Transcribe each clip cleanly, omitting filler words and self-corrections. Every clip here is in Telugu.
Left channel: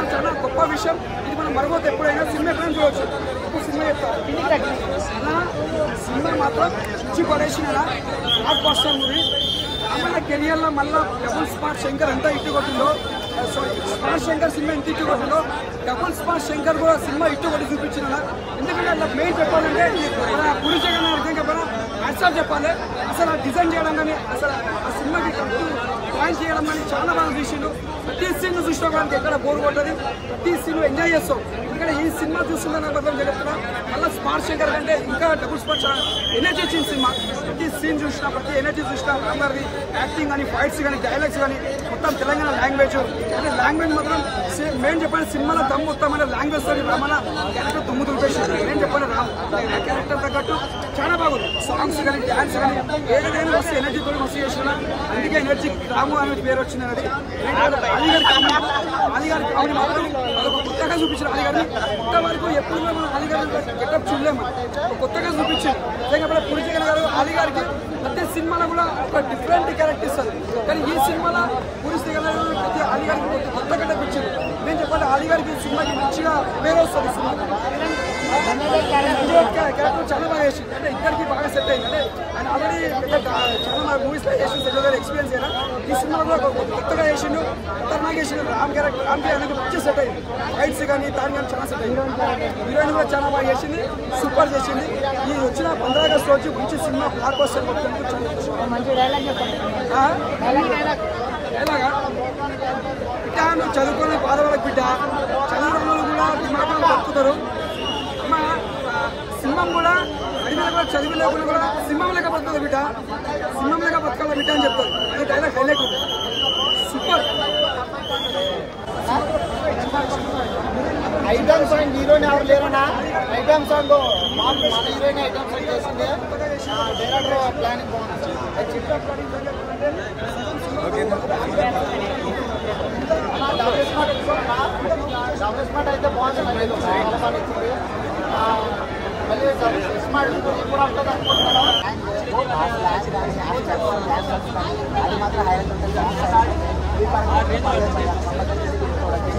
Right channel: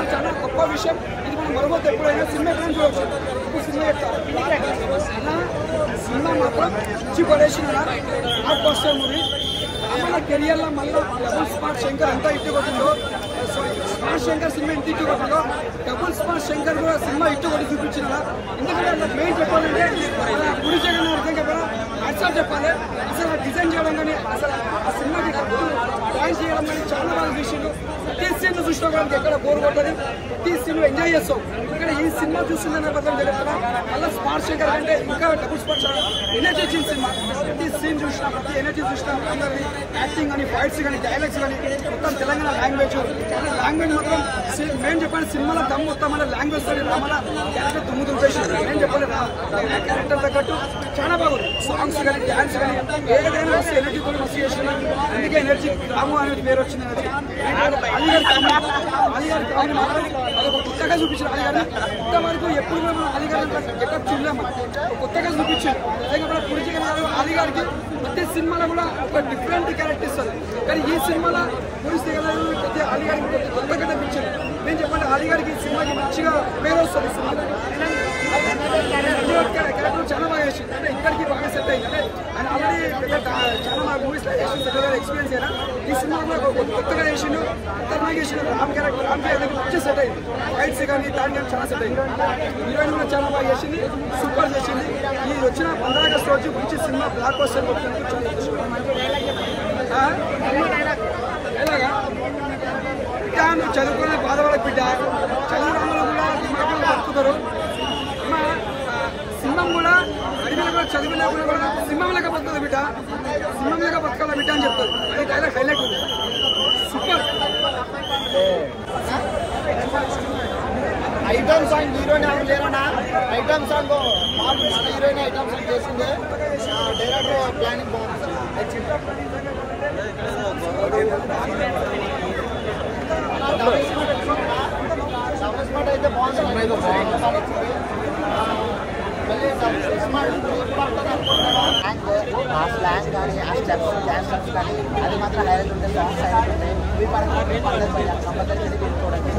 చాలా గొప్ప విషయం ఇది. మనం మరొకటి ఎప్పుడైనా సినిమా ఎక్కడ చూడవచ్చు. ఇప్పుడు సినిమా చెప్తాను అలా సినిమా మాత్రం ఇచ్చి పడేసిన ఆర్ట్ బస్టర్ మూవీ. మన కెరియర్లో మళ్ళీ డబుల్ స్పాట్ శంకర్ ఎంత ఇట్టు కొట్టిందో, స్పాట్ శంకర్ సినిమా ఎంత ఇట్టు కొట్టిందో డబుల్ స్పాట్ శంకర్ కూడా సినిమా ఇట్టు కొట్టి చూపించిన. ఎందుకంటే అలా మెయిన్ చెప్పాలంటే అలా గురి జగన్ అర్థం చెప్పాలి, యాక్సెప్ట్ చెప్పాలి. అసలు ఆ డిజైన్ చేయడం కానీ అసలు ఆ సినిమాకి డ్యాన్స్ చేయడం కానీ చాలా బాగా చూసిండు. ప్రతి సీన్ చూసినా కూడా ఎక్కడ బోర్ కొట్టదు, ప్రతి సీన్ ఎంజాయ్ చేస్తాం. ఇక్కడ ఈ సినిమా చూస్తుందనే బదులు చెప్తున్నా మళ్ళీ స్పాట్ శంకర్ అంటే ఇంకా డబుల్ స్పాట్ ఎనర్జీ ఇచ్చిన సినిమా. ప్రతి సీన్ చూసినా ప్రతి ఎనర్జీ చూసినా అందరిది యాక్టింగ్ కానీ ఫైట్స్ కానీ డైలాగ్స్ కానీ మొత్తం తెలంగాణ లాంగ్వేజ్ లాంగ్వేజ్ మాత్రం మేము చెప్పండి సినిమాలో దమ్ మొత్తం అంటే లాంగ్వేజ్ తోటి రామన క్యారెక్టర్ తొమ్మిది రూపాయలు నేను చెప్పండి రామ్ క్యారెక్టర్ తగ్గట్టు చాలా బాగుంది. సాంగ్స్ కానీ డ్యాన్స్ కానీ ఏదైనా వస్తే ఎనర్జీతో మస్తు చేసుకున్నాను. అందుకే ఎనర్జీ రాము అనే పేరు వచ్చింది. అలీగారి కామెడీ మాత్రం అదొక కొత్తగా చూపించారు. అలీగారిని ఇంతవరకు ఎప్పుడు మేము అలీగారి గెటప్ చూడలేము, కొత్తగా చూపించారు. లేకపోతే పురిజగన్ గారు అలీగారికి ప్రతి సినిమాలో కూడా ఒక డిఫరెంట్ క్యారెక్టర్ ఇస్తారు. కానీ ఈ సినిమాలో పురిజగన్ గారు ప్రతి అలీగారికి కొత్త గెటప్ ఇచ్చారు. నేను చెప్పండి అలీగారికి సినిమాకి మంచిగా పేరు వస్తుంది. సినిమా క్యారెక్టర్ చాలా బాగా వేసింది. అంటే ఇద్దరికి బాగా సెట్ అయింది. అంటే ఆయన ఆల్రెడీ చాలా మూవీస్ ఎక్స్పీరియన్స్ అయినా ఈ సినిమా కూడా కొత్తగా చేసిండు, ఖతర్నాక్ చేసిండు. రామ్ క్యారెక్టర్ మంచిగా సెట్ అయింది. ఫైట్స్ కానీ దాని కానీ చాలా సెట్ అయింది. హీరోయిన్ కూడా చాలా బాగా చేసింది, సూపర్ చేసింది. ఈ వచ్చిన 15 ఆగస్టు రోజు మంచి సినిమా బ్లాక్ బస్టర్ కొట్టినందుకు ఎలాగా ఇంకా మీరు చదువుకునే బాధపడే బిడ్డ చదువు వాళ్ళు కూడా దిమాకాలు బతుకుతారు. సింహం కూడా అడిగిన కూడా చదువు లేకుండా కూడా సింహం లేక బతుకుతుంది బిడ్డ, సింహం లేక బతకాల బిడ్డ అని చెప్తారు. అదే డైలాగ్ హైలైట్ ఉంది, సూపర్. ఐటమ్ సాంగ్ హీరోయిన్ ఎవరు లేరున్నా ఐటమ్ సాంగ్ మన హీరోయిన్ ఐటమ్ సాంగ్ చేసింది. డైరెక్టర్ ప్లానింగ్ బాగుంది. డబుల్ స్మార్ట్ అయితే బాగుంది, చాలా బాగా నచ్చింది. మళ్ళీ స్మార్ట్ కూడా ఉంటుంది అనుకుంటున్నాను. ఆ స్లాంగ్ కానీ ఆ స్టెప్స్ డ్యాన్స్ స్టెప్స్ కానీ అది మాత్రం హైలైట్ ఉంటాయి. సాంగ్స్ హైలైట్ ఉంటాయి. ఇవి పరంగా పర్లేదు భయ్యా, కంపల్సరీ తీసుకోవడానికి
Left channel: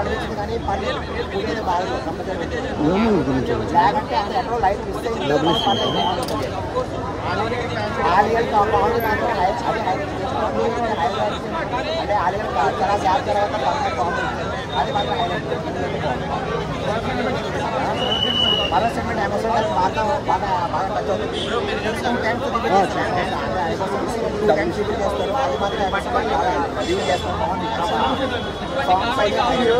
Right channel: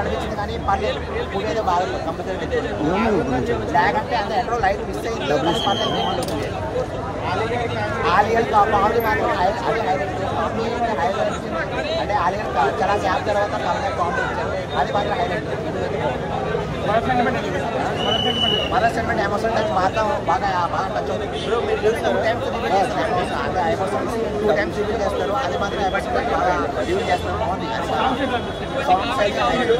అనిపించింది. కానీ పర్లేదు మూవీ అయితే బాగా కంపల్సరీ పెట్టింది. బ్లాక్ అంటే అంటే ఎక్కడో లైట్ మిస్ అయింది, పర్లేదు బాగుంటుంది. ఆలియర్ కామెడీ మాత్రం అది హైలైట్ అంటే ఆలియర్ చాలా గ్యాప్ తర్వాత కంప్లీట్ కామెడీ అది మాత్రం హైలైట్. మదర్ సెంటిమెంట్ ఎమోషన్ బాగా బాగా బాగా టచ్ అవుతుంది. 2 టైమ్స్ రివీల్ చేస్తారు, అంటే ఎమోషన్స్ 2 టైమ్స్ రివీల్ చేస్తారు. అది మాత్రం ఎమోషన్ బాగా రివీల్ చేస్తారు, బాగుంది. సాంగ్స్ అయితే హైలైట్.